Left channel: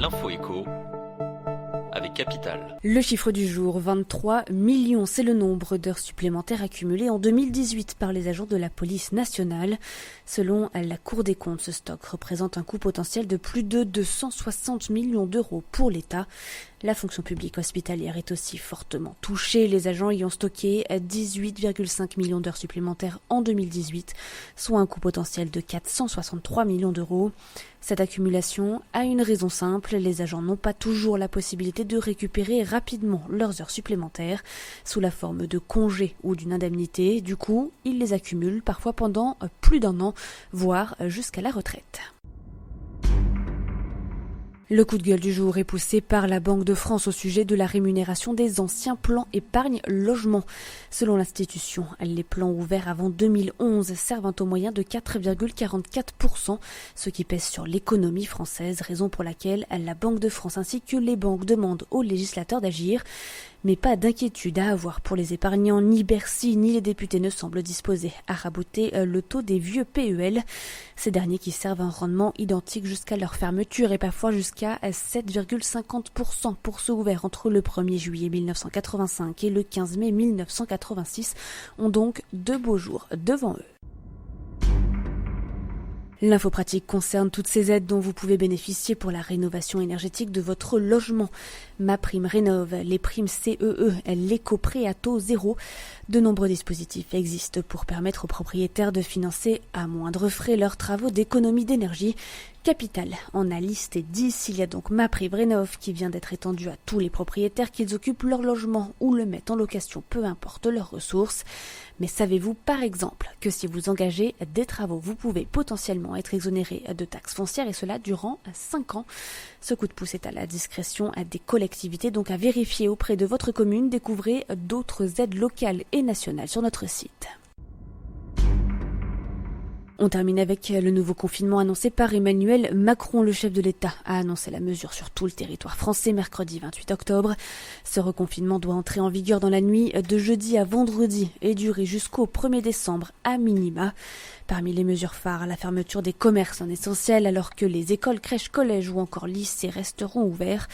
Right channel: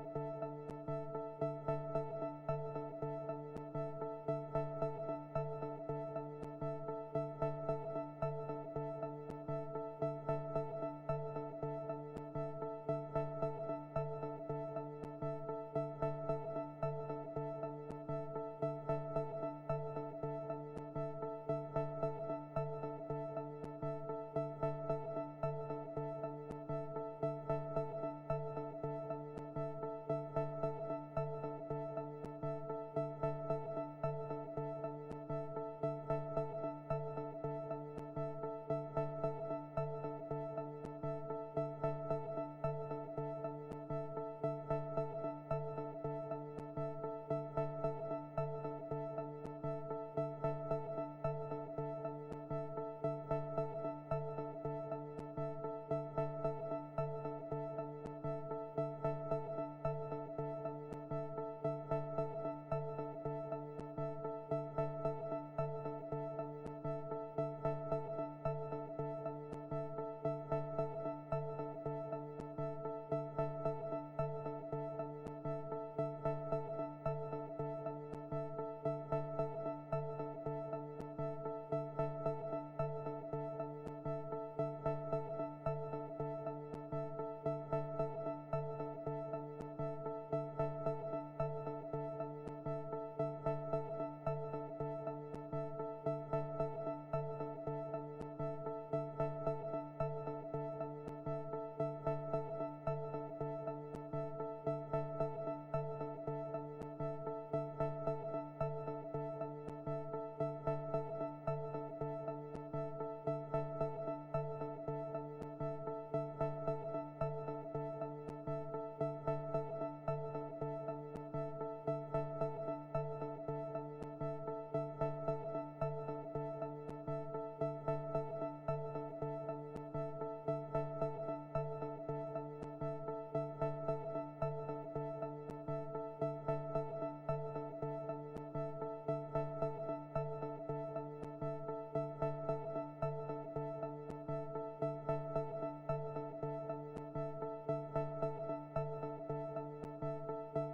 L'info écho avec Capital. Le chiffre du jour, 23 millions, c'est le nombre d'heures supplémentaires accumulées en 2018 par les agents de la police nationale. Selon la Cour des comptes, ce stock représente un coût potentiel de plus de 260 millions d'euros pour l'État. La fonction publique hospitalière est aussi fortement touchée. Les agents y ont stocké 18,5 millions d'heures supplémentaires en 2018, soit un coût potentiel de 463 millions d'euros. Cette accumulation a une raison simple, les agents n'ont pas toujours la possibilité de récupérer rapidement leurs heures supplémentaires sous la forme de congés ou d'une indemnité. Du coup, ils les accumulent parfois pendant plus d'un an, voire jusqu'à la retraite. Le coup de gueule du jour est poussé par la Banque de France au sujet de la rémunération des anciens plans épargne logement. Selon l'institution, les plans ouverts avant 2011 servent au moyen de 4,44%, ce qui pèse sur l'économie française, raison pour laquelle la Banque de France ainsi que les banques demandent aux législateurs d'agir. Mais pas d'inquiétude à avoir pour les épargnants, ni Bercy ni les députés ne semblent disposés à raboter le taux des vieux PEL. Ces derniers qui servent un rendement identique jusqu'à leur fermeture et parfois jusqu'à 7,50% pour ceux ouverts entre le 1er juillet 1985 et le 15 mai 1986 ont donc 2 beaux jours devant eux. L'info pratique concerne toutes ces aides dont vous pouvez bénéficier pour la rénovation énergétique de votre logement. MaPrimeRénov', les primes CEE, l'éco-prêt à taux zéro. De nombreux dispositifs existent pour permettre aux propriétaires de financer à moindre frais leurs travaux d'économie d'énergie. Capital en a listé 10. Il y a donc MaPrimeRénov' qui vient d'être étendu à tous les propriétaires, qu'ils occupent leur logement ou le mettent en location, peu importe leurs ressources. Mais savez-vous par exemple que si vous engagez des travaux, vous pouvez potentiellement être exonéré de taxes foncières et cela durant 5 ans. Ce coup de pouce est à la discrétion des collectivités, donc à vérifier auprès de votre commune. Découvrez d'autres aides locales et nationales sur notre site. On termine avec le nouveau confinement annoncé par Emmanuel Macron. Le chef de l'État a annoncé la mesure sur tout le territoire français mercredi 28 octobre. Ce reconfinement doit entrer en vigueur dans la nuit de jeudi à vendredi et durer jusqu'au 1er décembre à minima. Parmi les mesures phares, la fermeture des commerces non essentiels alors que les écoles, crèches, collèges ou encore lycées resteront ouverts.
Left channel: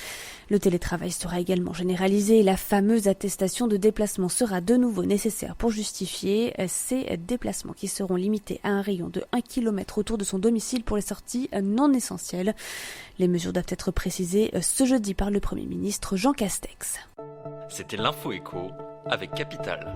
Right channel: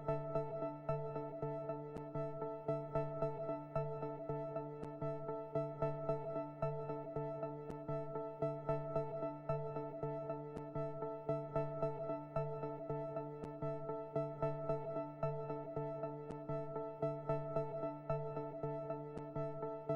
Le télétravail sera également généralisé et la fameuse attestation de déplacement sera de nouveau nécessaire pour justifier ces déplacements qui seront limités à un rayon de 1 km autour de son domicile pour les sorties non essentielles. Les mesures doivent être précisées ce jeudi par le Premier ministre Jean Castex. C'était l'info écho avec Capital.